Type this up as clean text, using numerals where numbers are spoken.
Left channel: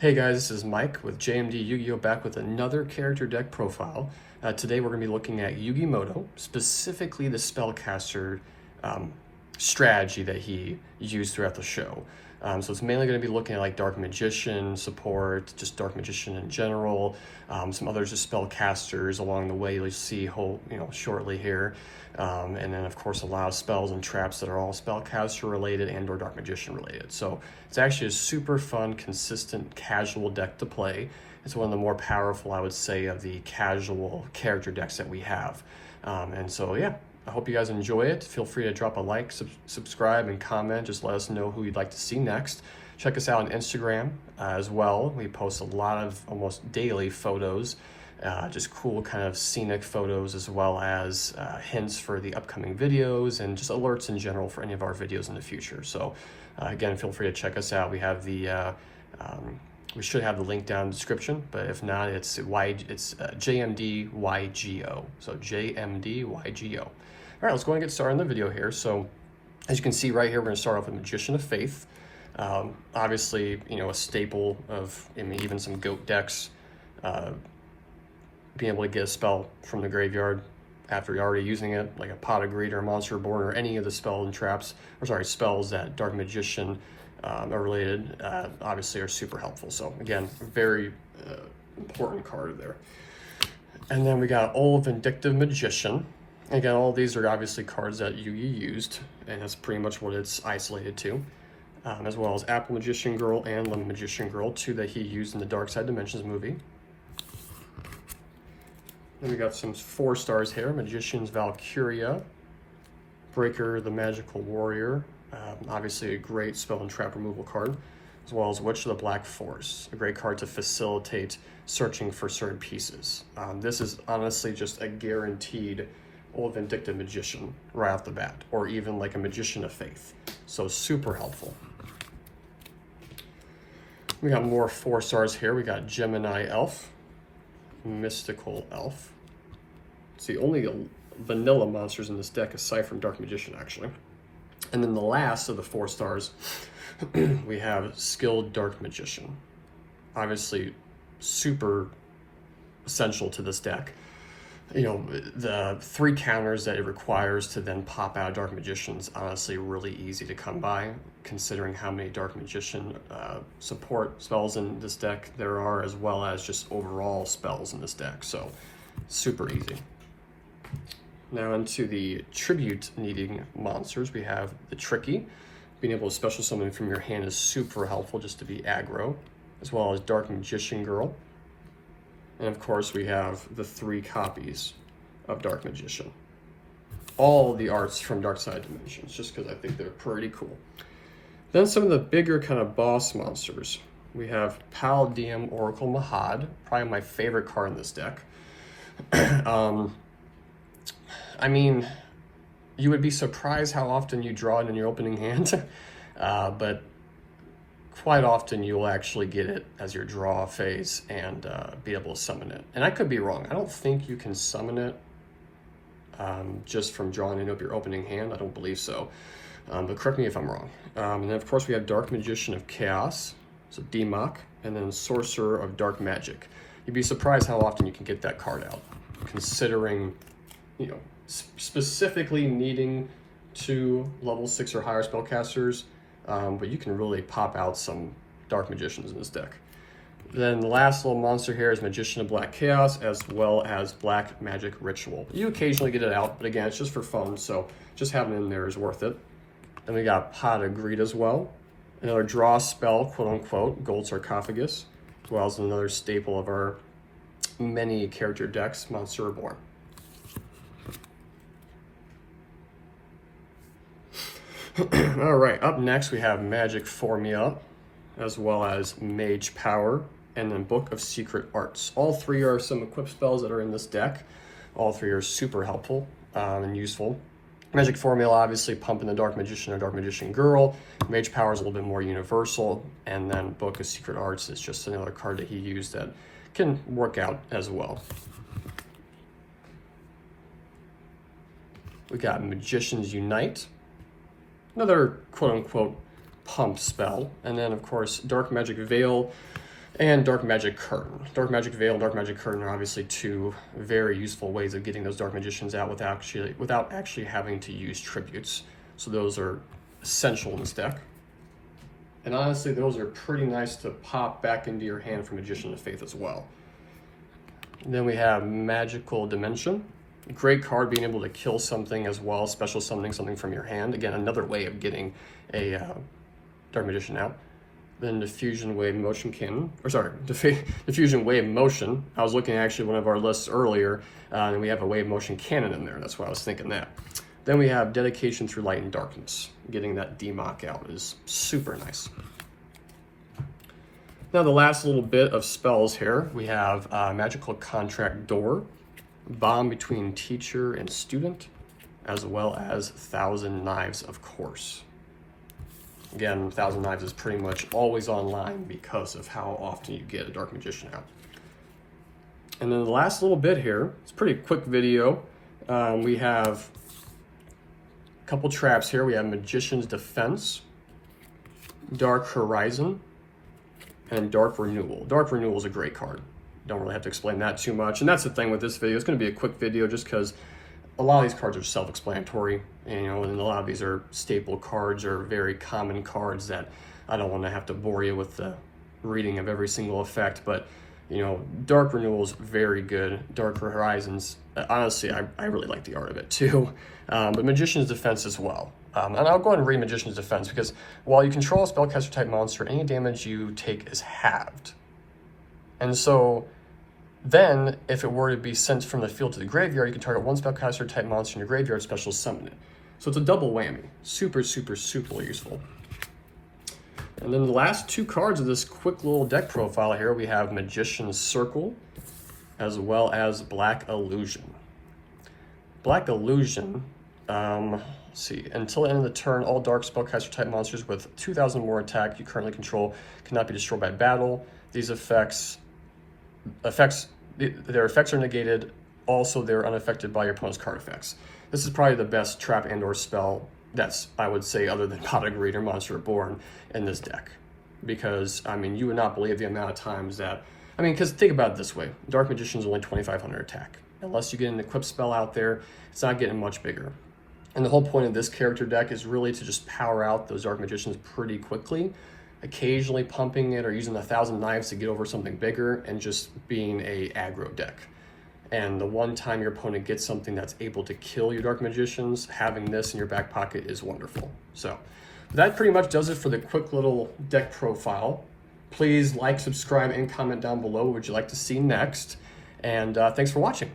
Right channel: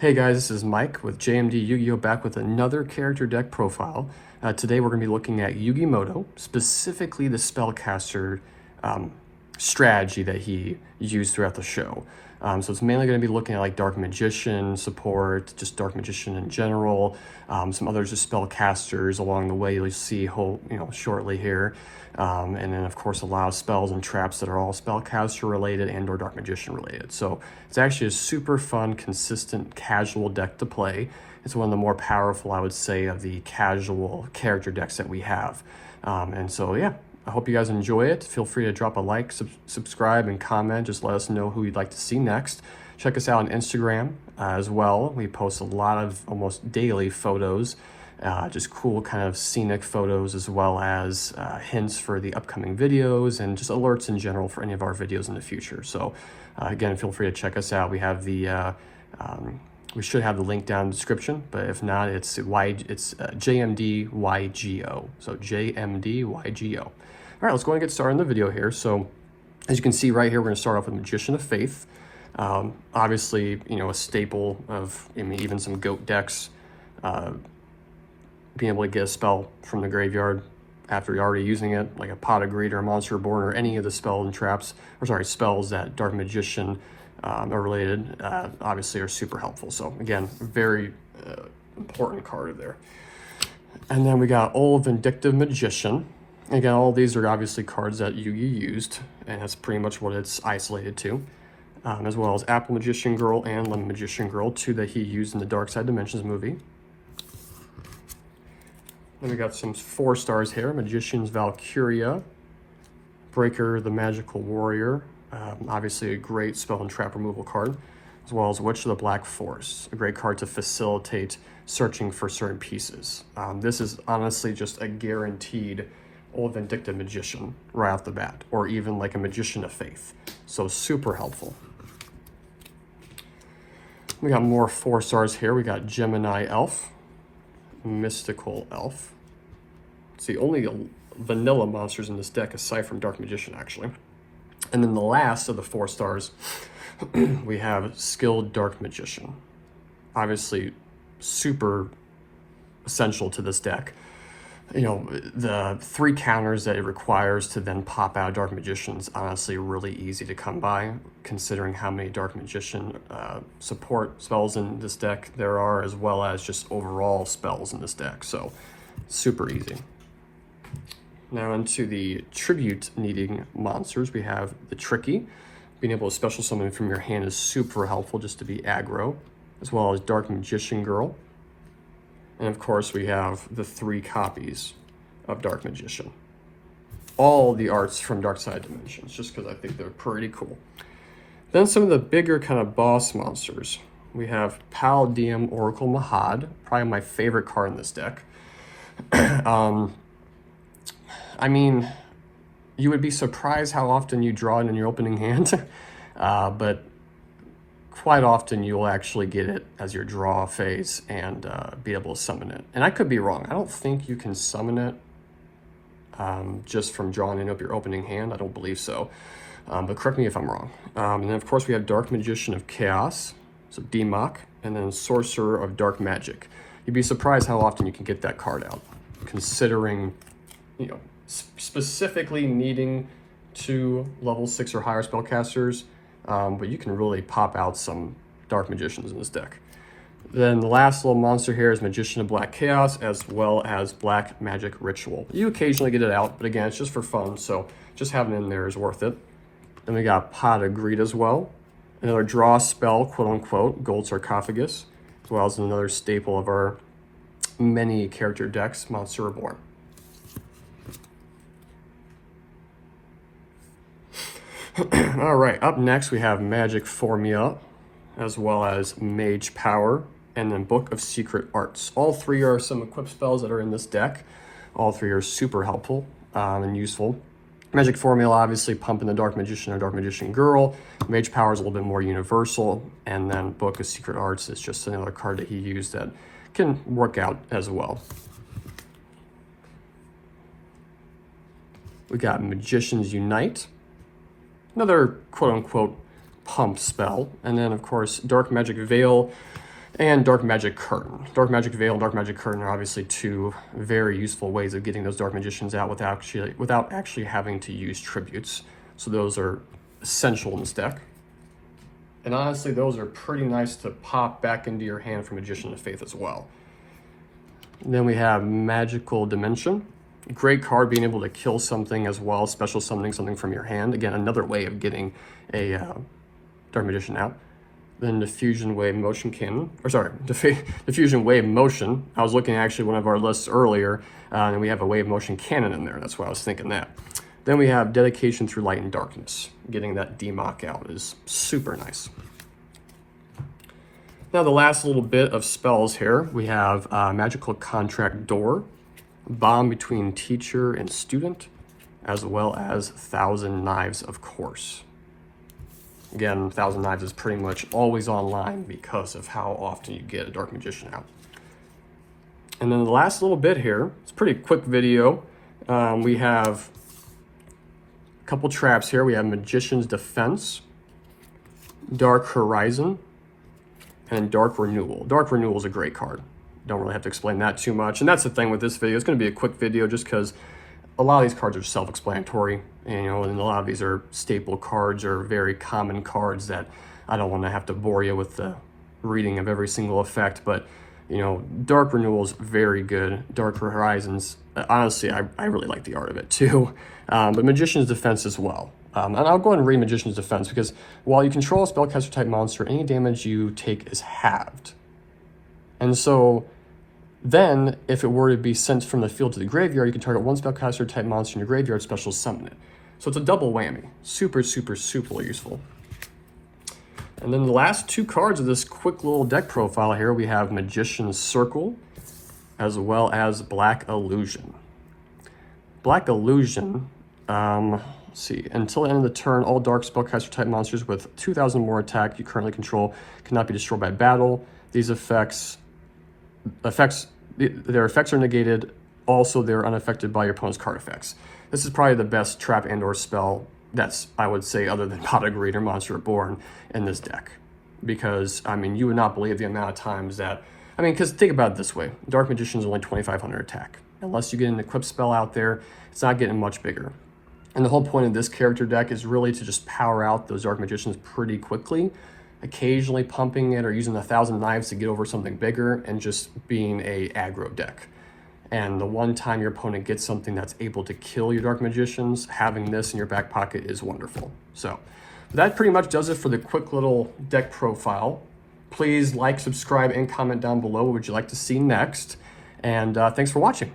Hey guys, this is Mike with JMD Yu-Gi-Oh! Back with another character deck profile. Today we're going to be looking at Yugimoto, specifically the spellcaster strategy that he used throughout the show. So it's mainly going to be looking at like Dark Magician support, just Dark Magician in general, some others just spellcasters along the way you'll see shortly here. And then of course a lot of spells and traps that are all spellcaster related and or Dark Magician related. So it's actually a super fun, consistent, casual deck to play. It's one of the more powerful, I would say, of the casual character decks that we have. And so yeah, I hope you guys enjoy it. Feel free to drop a like, subscribe, and comment. Just let us know who you'd like to see next. Check us out on Instagram as well. We post a lot of almost daily photos. Just cool kind of scenic photos, as well as hints for the upcoming videos and just alerts in general for any of our videos in the future. So again, feel free to check us out. We have the we should have the link down in the description, but if not, it's JMDYGO. So JMDYGO. All right, let's go and get started on the video here. So as you can see right here, we're going to start off with Magician of Faith. Obviously, a staple of even some GOAT decks. Being able to get a spell from the graveyard after you're already using it, like a Pot of Greed or a Monster Reborn or any of the spells and traps, spells that Dark Magician are related, obviously are super helpful. So again, very important card there. And then we got Old Vindictive Magician. Again, all these are obviously cards that Yu-Gi used, and that's pretty much what it's isolated to. As well as Apple Magician Girl and Lemon Magician Girl, two that he used in the Dark Side Dimensions movie. And we got some 4 stars here: Magician's Valkyria, Breaker the Magical Warrior, obviously a great spell and trap removal card, as well as Witch of the Black Forest, a great card to facilitate searching for certain pieces. This is honestly just a guaranteed Old Vindictive Magician right off the bat, or even like a Magician of Faith. So super helpful. We got more 4 stars here. We got Gemini Elf, Mystical Elf. It's the only vanilla monsters in this deck aside from Dark Magician, actually. And then the last of the 4 stars, we have Skilled Dark Magician. Obviously, super essential to this deck. The 3 counters that it requires to then pop out Dark Magician is honestly really easy to come by, considering how many Dark Magician support spells in this deck there are, as well as just overall spells in this deck. So super easy. Now into the tribute needing monsters, we have the Tricky. Being able to special summon from your hand is super helpful just to be aggro, as well as Dark Magician Girl. And of course we have the 3 copies of Dark Magician. All the arts from Dark Side Dimensions, just because I think they're pretty cool. Then some of the bigger kind of boss monsters. We have Paldeum Oracle Mahad, probably my favorite card in this deck. I mean, you would be surprised how often you draw it in your opening hand, but quite often you'll actually get it as your draw phase and be able to summon it. And I could be wrong. I don't think you can summon it just from drawing up your opening hand. I don't believe so. But correct me if I'm wrong. And then of course we have Dark Magician of Chaos, so Democ, and then Sorcerer of Dark Magic. You'd be surprised how often you can get that card out, considering, specifically needing 2 level 6 or higher spellcasters, but you can really pop out some Dark Magicians in this deck. Then the last little monster here is Magician of Black Chaos, as well as Black Magic Ritual. You occasionally get it out, but again, it's just for fun, so just having it in there is worth it. Then we got Pot of Greed as well, another draw spell, quote-unquote, Gold Sarcophagus, as well as another staple of our many character decks, Monster Reborn. All right, up next we have Magic Formula, as well as Mage Power, and then Book of Secret Arts. All 3 are some equipped spells that are in this deck. All 3 are super helpful and useful. Magic Formula, obviously pumping the Dark Magician or Dark Magician Girl. Mage Power is a little bit more universal, and then Book of Secret Arts is just another card that he used that can work out as well. We got Magicians Unite, another quote-unquote pump spell, and then of course Dark Magic Veil and Dark Magic Curtain. Dark Magic Veil and Dark Magic Curtain are obviously two very useful ways of getting those Dark Magicians out without actually having to use tributes. So those are essential in this deck. And honestly, those are pretty nice to pop back into your hand for Magician of Faith as well. And then we have Magical Dimension. Great card, being able to kill something as well, special summoning something from your hand. Again, another way of getting a Dark Magician out. Then Diffusion Wave Motion Cannon, or sorry, Diffusion Wave Motion. I was looking at actually one of our lists earlier, and we have a Wave Motion Cannon in there. That's why I was thinking that. Then we have Dedication Through Light and Darkness. Getting that DMOC out is super nice. Now the last little bit of spells here, we have Magical Contract Door, Bond Between Teacher and Student, as well as Thousand Knives, of course. Again, Thousand Knives is pretty much always online because of how often you get a Dark Magician out. And then the last little bit here, it's a pretty quick video. We have a couple traps here. We have Magician's Defense, Dark Horizon, and Dark Renewal. Dark Renewal is a great card. Don't really have to explain that too much. And that's the thing with this video. It's going to be a quick video just because a lot of these cards are self-explanatory. And, and a lot of these are staple cards or very common cards that I don't want to have to bore you with the reading of every single effect. But, Dark Renewal is very good. Dark Horizons, honestly, I really like the art of it too. But Magician's Defense as well. And I'll go ahead and read Magician's Defense because while you control a spellcaster type monster, any damage you take is halved. And so then, if it were to be sent from the field to the graveyard, you can target one spellcaster type monster in your graveyard, special summon it. So it's a double whammy. Super, super, super useful. And then the last two cards of this quick little deck profile here, we have Magician's Circle, as well as Black Illusion. Black Illusion, let's see, until the end of the turn, all dark spellcaster type monsters with 2,000 more attack you currently control cannot be destroyed by battle. These their effects are negated. Also, they're unaffected by your opponent's card effects. This is probably the best trap and/or spell that's, I would say, other than Pot of Greed or Monster Reborn in this deck. Because, you would not believe the amount of times that, because think about it this way. Dark Magician is only 2,500 attack. Unless you get an equipped spell out there, it's not getting much bigger. And the whole point of this character deck is really to just power out those Dark Magicians pretty quickly, occasionally pumping it or using 1,000 Knives to get over something bigger, and just being a aggro deck. And the one time your opponent gets something that's able to kill your Dark Magicians, having this in your back pocket is wonderful. So that pretty much does it for the quick little deck profile. Please like, subscribe, and comment down below what would you like to see next. And thanks for watching.